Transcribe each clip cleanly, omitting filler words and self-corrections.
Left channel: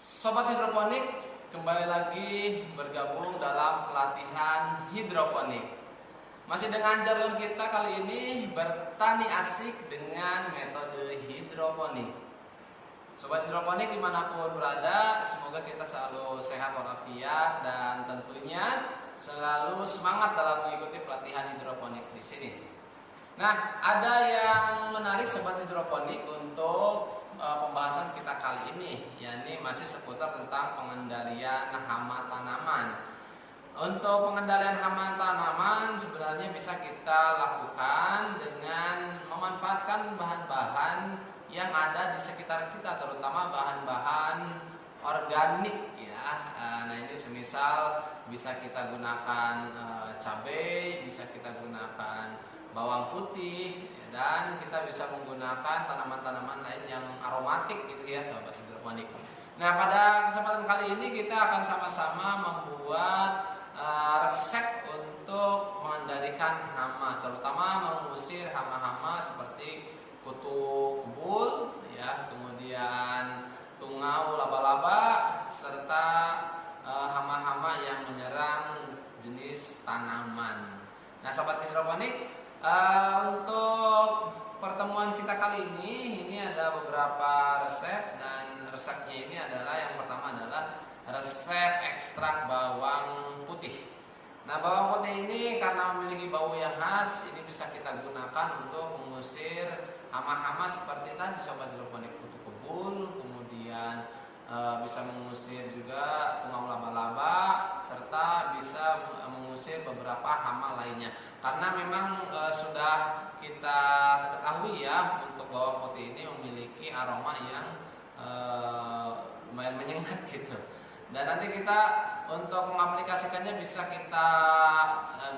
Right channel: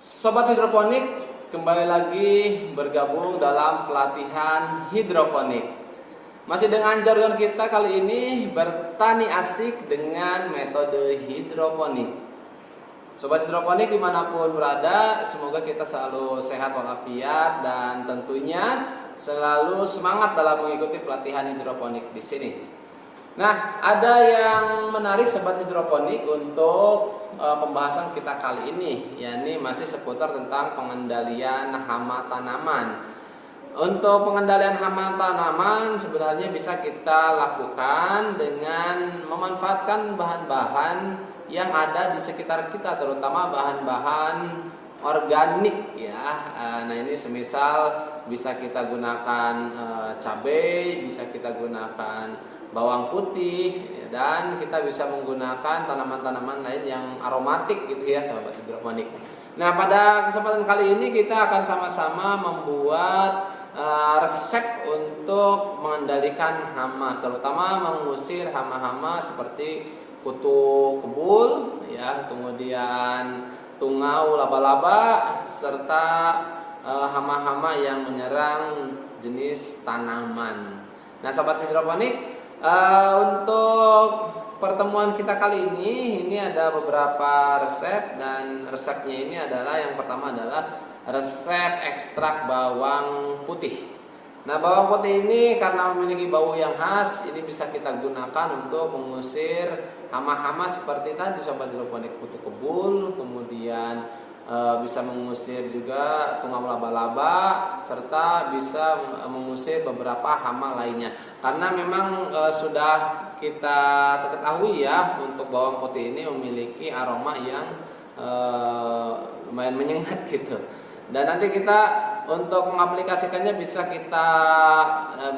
Sobat hidroponik, kembali lagi bergabung dalam pelatihan hidroponik. Masih dengan jargon kita kali ini, bertani asik dengan metode hidroponik. Sobat hidroponik dimanapun berada, semoga kita selalu sehat walafiat dan tentunya selalu semangat dalam mengikuti pelatihan hidroponik di sini. Nah, ada yang menarik sobat hidroponik untuk pembahasan kita kali ini, yakni masih seputar tentang pengendalian hama tanaman. Untuk pengendalian hama tanaman sebenarnya bisa kita lakukan dengan memanfaatkan bahan-bahan yang ada di sekitar kita, terutama bahan-bahan organik ya. Nah, ini semisal bisa kita gunakan cabai, bisa kita gunakan bawang putih, dan kita bisa menggunakan tanaman-tanaman lain yang aromatik gitu ya sahabat hidroponik. Nah, pada kesempatan kali ini kita akan sama-sama membuat resep untuk mengendalikan hama, terutama mengusir hama-hama seperti kutu kebul ya, kemudian tungau laba-laba serta hama-hama yang menyerang jenis tanaman. Nah, sahabat hidroponik, untuk pertemuan kita kali ini ada beberapa resep, dan resepnya ini adalah yang pertama adalah resep ekstrak bawang putih. Nah, bawang putih ini karena memiliki bau yang khas, ini bisa kita gunakan untuk mengusir hama-hama seperti tadi sobat hidroponik, kutu kebul, kemudian bisa mengusir juga tungau laba-laba serta bisa mengusir beberapa hama lainnya. Karena memang sudah kita ketahui ya, untuk bawang putih ini memiliki aroma yang lumayan menyengat gitu. Dan nanti kita untuk mengaplikasikannya bisa kita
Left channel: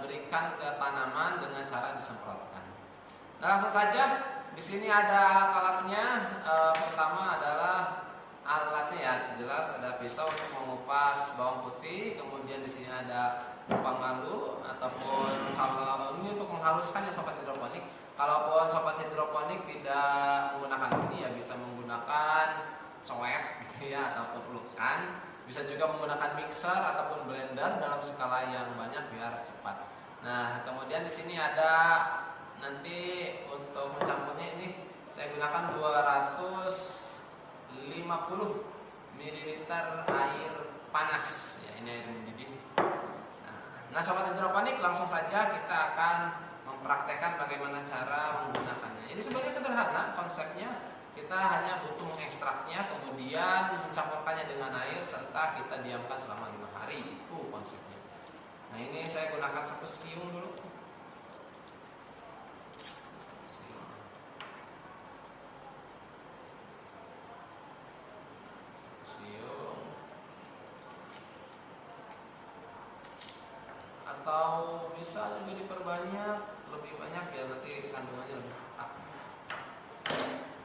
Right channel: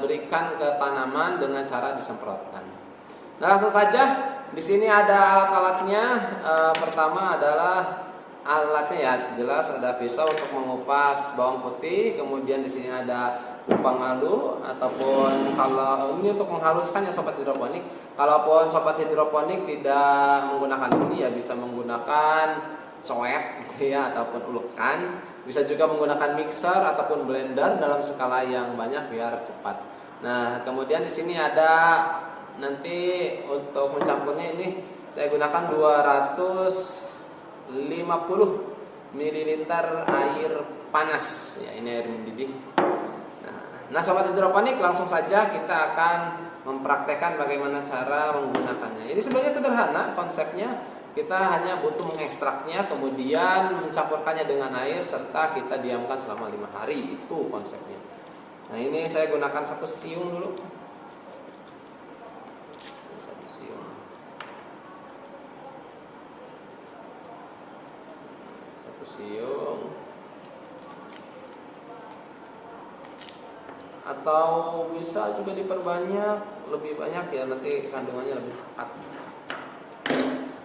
berikan ke tanaman dengan cara disemprotkan. Nah, langsung saja. Di sini ada alat-alatnya. Pertama adalah alatnya ya, jelas ada pisau untuk mengupas bawang putih, kemudian di sini ada pemalu ataupun kalau ini untuk menghaluskan ya sobat hidroponik. Kalaupun sobat hidroponik tidak menggunakan ini ya bisa menggunakan coet ya ataupun ulekan, bisa juga menggunakan mixer ataupun blender dalam skala yang banyak biar cepat. Nah, kemudian di sini ada nanti untuk mencampurnya ini saya gunakan 250 ml air panas ya, ini air mendidih. Nah, sobat hidroponik, langsung saja kita akan mempraktekkan bagaimana cara menggunakannya. Ini sebenarnya sederhana konsepnya, kita hanya butuh mengekstraknya, kemudian mencampurkannya dengan air serta kita diamkan selama 5 hari, itu konsepnya. Nah, ini saya gunakan 1 siung dulu. Siung, atau bisa juga diperbanyak lebih banyak ya, nanti kandungannya lebih cepat.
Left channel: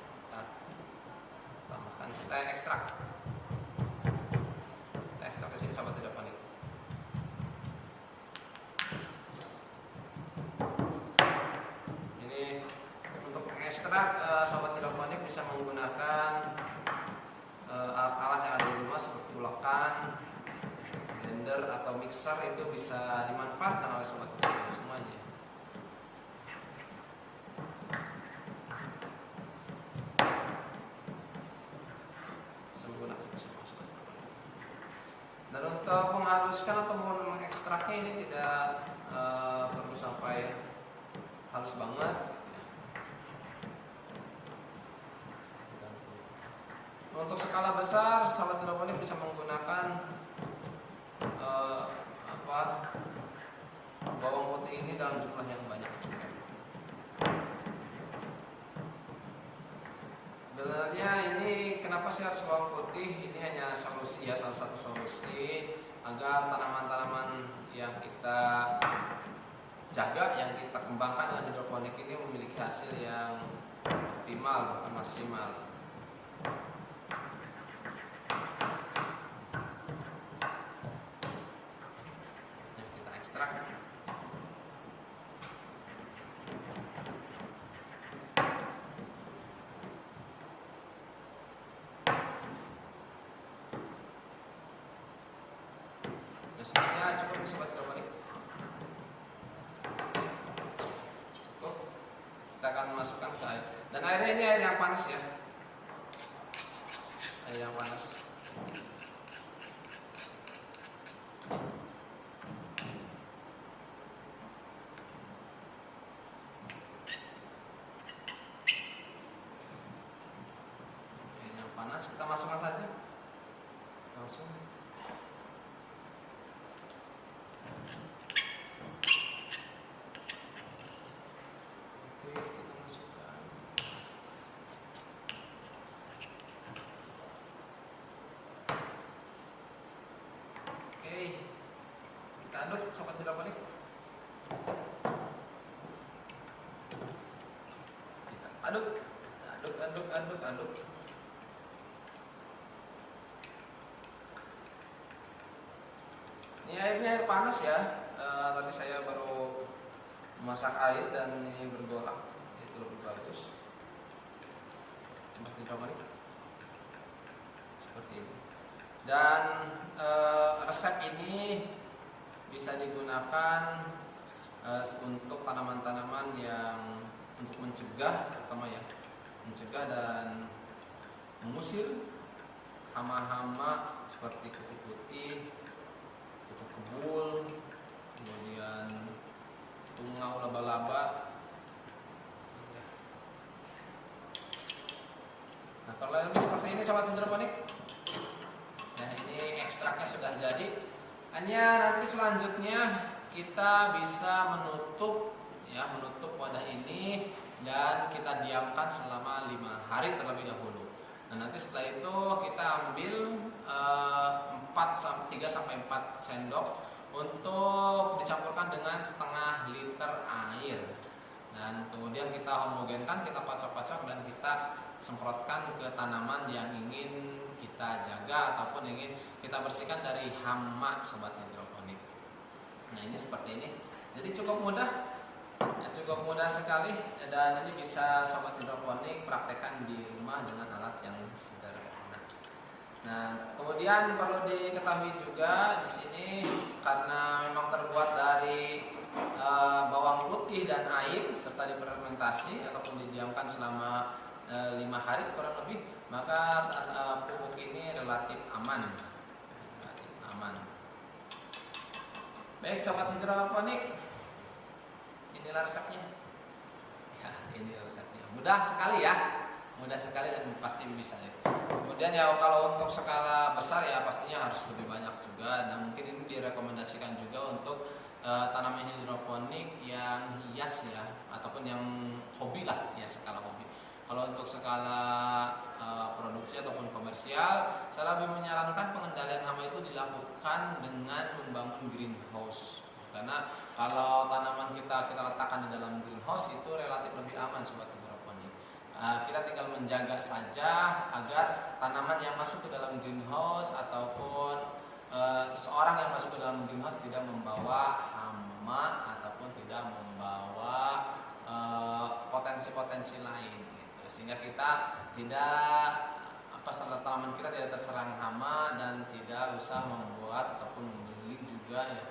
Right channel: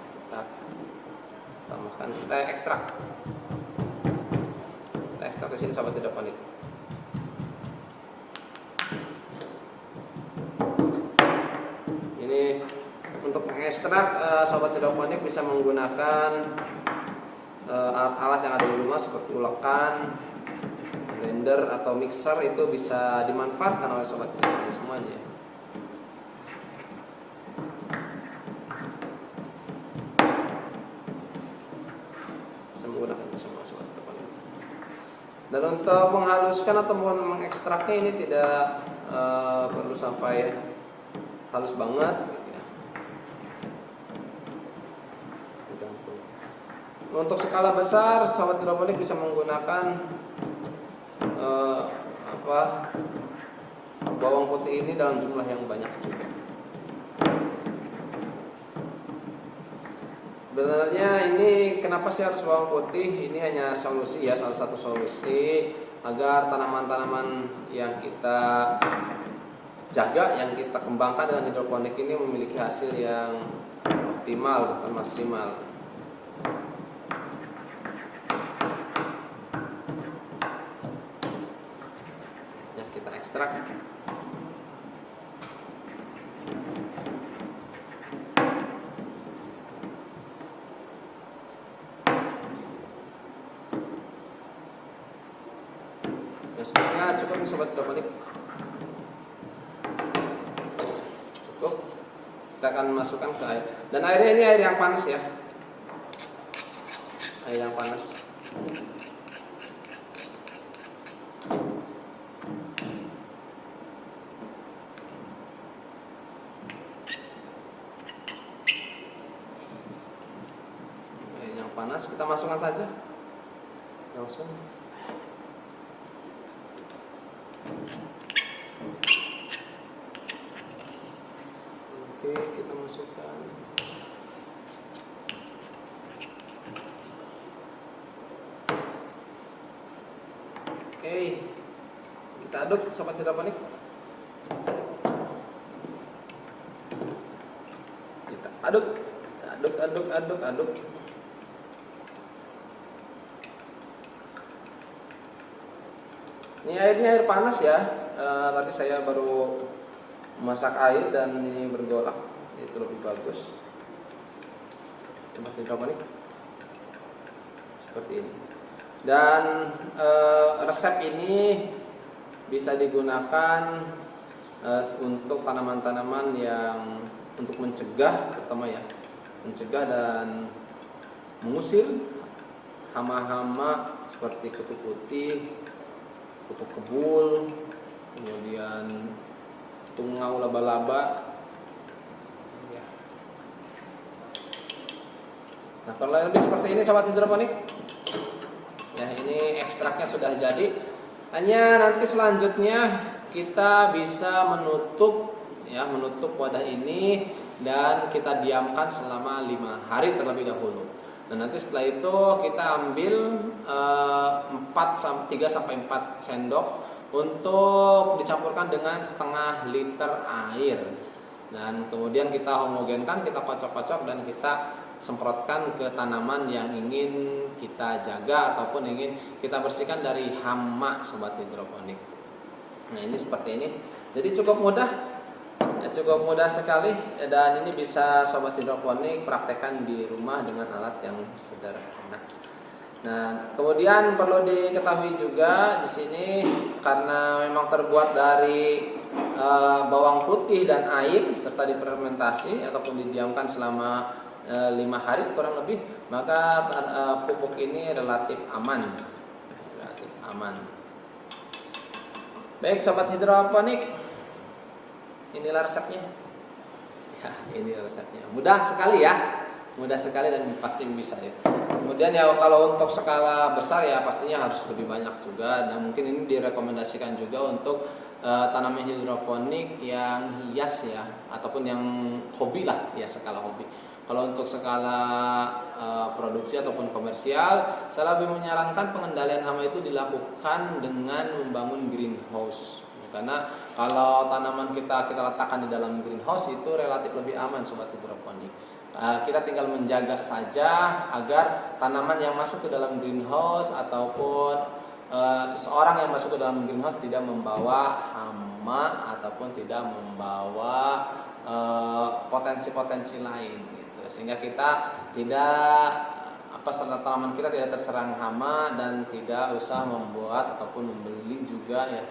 Kita tambahkan, kita ekstrak di sini sobat hidroponik. Ini untuk mengekstrak sobat hidroponik bisa menggunakan alat-alat yang ada di rumah seperti ulekan, blender atau mixer, itu bisa dimanfaatkan oleh sobat hidroponik semuanya. Bisa menggunakan itu semua sobat hidroponik. Dan untuk menghaluskan atau mengekstraknya ini tidak perlu sampai halus banget. Untuk skala besar, sobat hidroponik bisa menggunakan bawang putih ini dalam jumlah yang banyak juga. Sebenarnya ini kenapa sih harus bawang putih? Ini hanya solusi ya, salah satu solusi agar tanaman-tanaman yang kita jaga, yang kita kembangkan dengan hidroponik ini memiliki hasil yang optimal, bukan maksimal. Ekstrak. Gasnya cukup nih sobat hidroponik. Cukup. Kita akan masukkan ke air. Dan airnya ini air yang panas ya. Air yang panas. Air yang panas kita masukkan saja. Langsung. Oke, kita masukkan. Oke, kita aduk sobat hidroponik. Kita aduk. Ini airnya air panas ya. Tadi saya baru masak air dan ini bergolak, itu lebih bagus. Sobat hidroponik seperti ini. Dan resep ini bisa digunakan untuk tanaman-tanaman yang untuk mencegah, pertama ya, mencegah dan mengusir hama-hama seperti kutu putih, kutu kebul, kemudian tungau laba-laba. Ya. Nah, kalau lebih seperti ini sobat hidroponik. Ya, ini ekstraknya sudah jadi. Hanya nanti selanjutnya kita bisa menutup wadah ini dan kita diamkan selama 5 hari terlebih dahulu. Dan nanti setelah itu kita ambil 3 sampai 4 sendok untuk dicampurkan dengan setengah liter air. Dan kemudian kita homogenkan, kita kocok-kocok dan kita semprotkan ke tanaman yang ingin kita jaga ataupun ingin kita bersihkan dari hama sobat hidroponik. Nah, ini seperti ini. Jadi cukup mudah. Ya, cukup mudah sekali dan ini bisa sobat hidroponik praktekkan di rumah dengan alat yang sederhana. Nah, kemudian perlu diketahui juga di sini karena memang terbuat dari bawang putih dan air serta difermentasi ataupun didiamkan selama 5 hari kurang lebih, maka pupuk ini relatif aman. Baik sobat hidroponik, inilah resepnya. Ya, ini resepnya. Mudah sekali ya. Mudah sekali dan pasti bisa deh. Kemudian ya kalau untuk skala besar ya pastinya harus lebih banyak juga. Dan mungkin ini direkomendasikan juga untuk tanaman hidroponik yang hias ya, ataupun yang hobi lah ya, skala hobi. Kalau untuk skala produksi ataupun komersial, saya lebih menyarankan pengendalian hama itu dilakukan dengan membangun greenhouse. Karena kalau tanaman kita letakkan di dalam greenhouse itu relatif lebih aman sobat hidroponik. Kita tinggal menjaga saja agar tanaman yang masuk ke dalam greenhouse ataupun seseorang yang masuk ke dalam greenhouse tidak membawa hama ataupun tidak membawa potensi-potensi lain gitu. Sehingga kita tidak tanaman kita tidak terserang hama dan tidak usah membuat ataupun membeli juga ya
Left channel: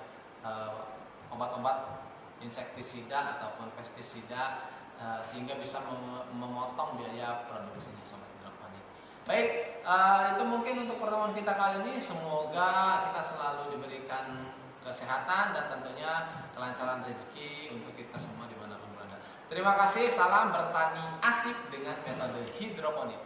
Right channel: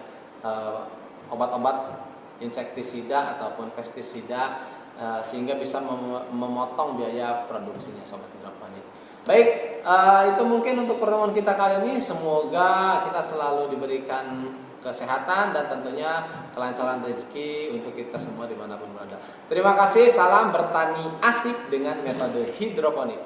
obat-obat insektisida ataupun pestisida sehingga bisa memotong biaya produksinya sobat hidroponik. Baik, itu mungkin untuk pertemuan kita kali ini. Semoga kita selalu diberikan kesehatan dan tentunya kelancaran rezeki untuk kita semua dimanapun berada. Terima kasih, salam bertani asik dengan metode hidroponik.